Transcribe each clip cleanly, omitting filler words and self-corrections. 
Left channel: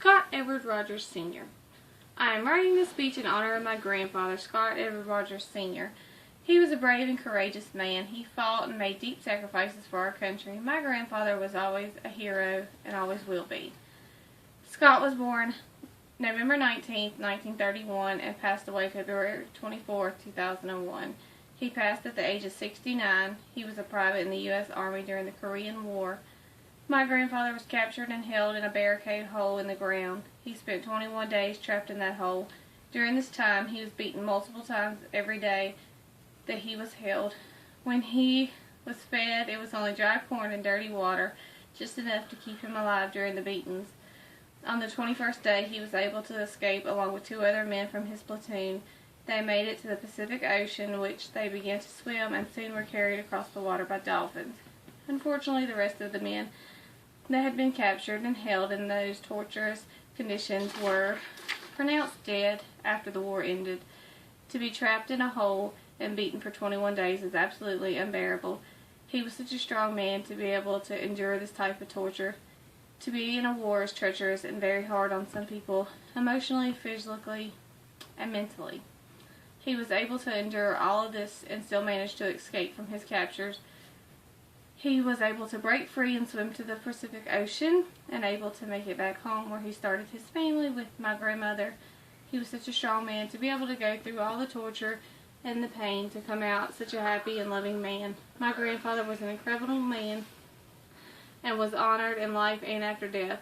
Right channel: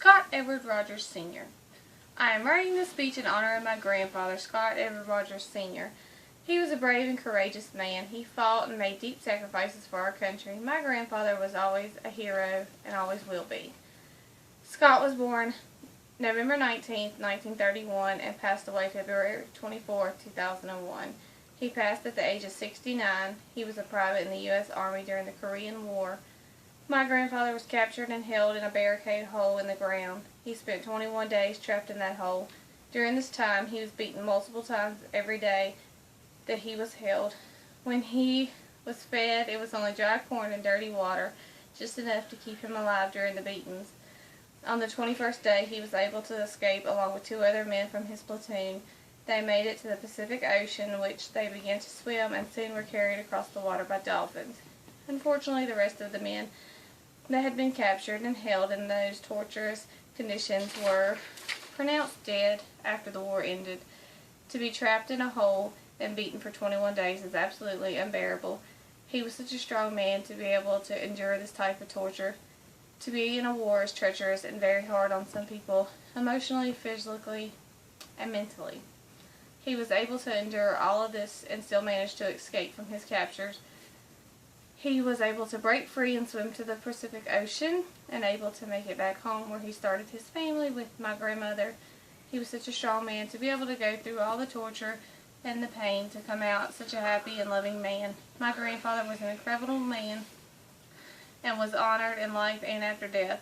Scott Edward Rogers Sr. I am writing this speech in honor of my grandfather, Scott Edward Rogers Sr. He was a brave and courageous man. He fought and made deep sacrifices for our country. My grandfather was always a hero and always will be. Scott was born November 19, 1931 and passed away February 24, 2001. He passed at the age of 69. He was a private in the U.S. Army during the Korean War. My grandfather was captured and held in a barricade hole in the ground. He spent 21 days trapped in that hole. During this time, he was beaten multiple times every day that he was held. When he was fed, it was only dry corn and dirty water, just enough to keep him alive during the beatings. On the 21st day, he was able to escape along with 2 other men from his platoon. They made it to the Pacific Ocean, which they began to swim and soon were carried across the water by dolphins. Unfortunately, the rest of the men that had been captured and held in those torturous conditions were pronounced dead after the war ended. To be trapped in a hole and beaten for 21 days is absolutely unbearable. He was such a strong man to be able to endure this type of torture. To be in a war is treacherous and very hard on some people, emotionally, physically, and mentally. He was able to endure all of this and still managed to escape from his captors. He was able to break free and swim to the Pacific Ocean and able to make it back home where he started his family with my grandmother. He was such a strong man to be able to go through all the torture and the pain to come out such a happy and loving man. My grandfather was an incredible man and was honored in life and after death.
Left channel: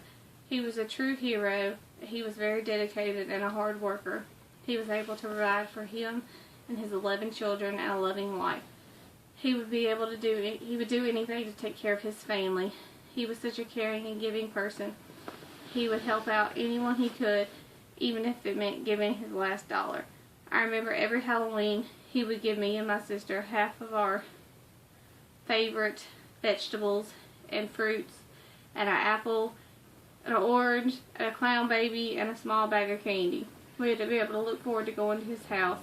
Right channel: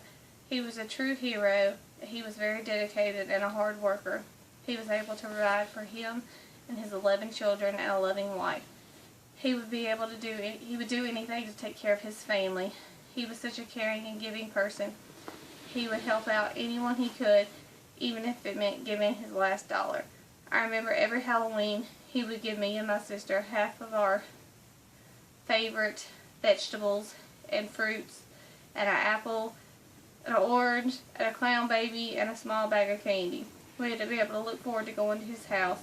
He was a true hero. He was very dedicated and a hard worker. He was able to provide for him and his 11 children and a loving wife. He would do anything to take care of his family. He was such a caring and giving person. He would help out anyone he could, even if it meant giving his last dollar. I remember every Halloween he would give me and my sister half of our favorite vegetables and fruits, and an apple, an orange, and a clown baby, and a small bag of candy. We had to be able to look forward to going to his house.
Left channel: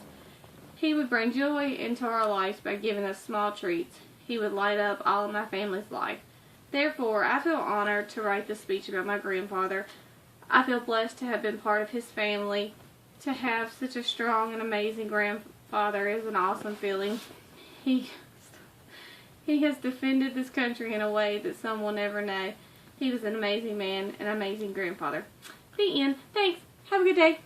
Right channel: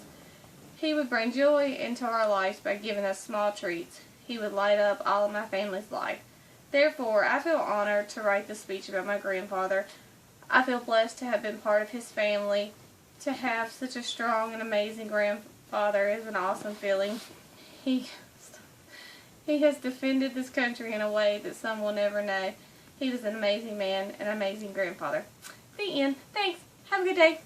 He would bring joy into our lives by giving us small treats. He would light up all of my family's life. Therefore, I feel honored to write this speech about my grandfather. I feel blessed to have been part of his family. To have such a strong and amazing grandfather is an awesome feeling. He has defended this country in a way that some will never know. He was an amazing man and an amazing grandfather. The end. Thanks. Have a good day.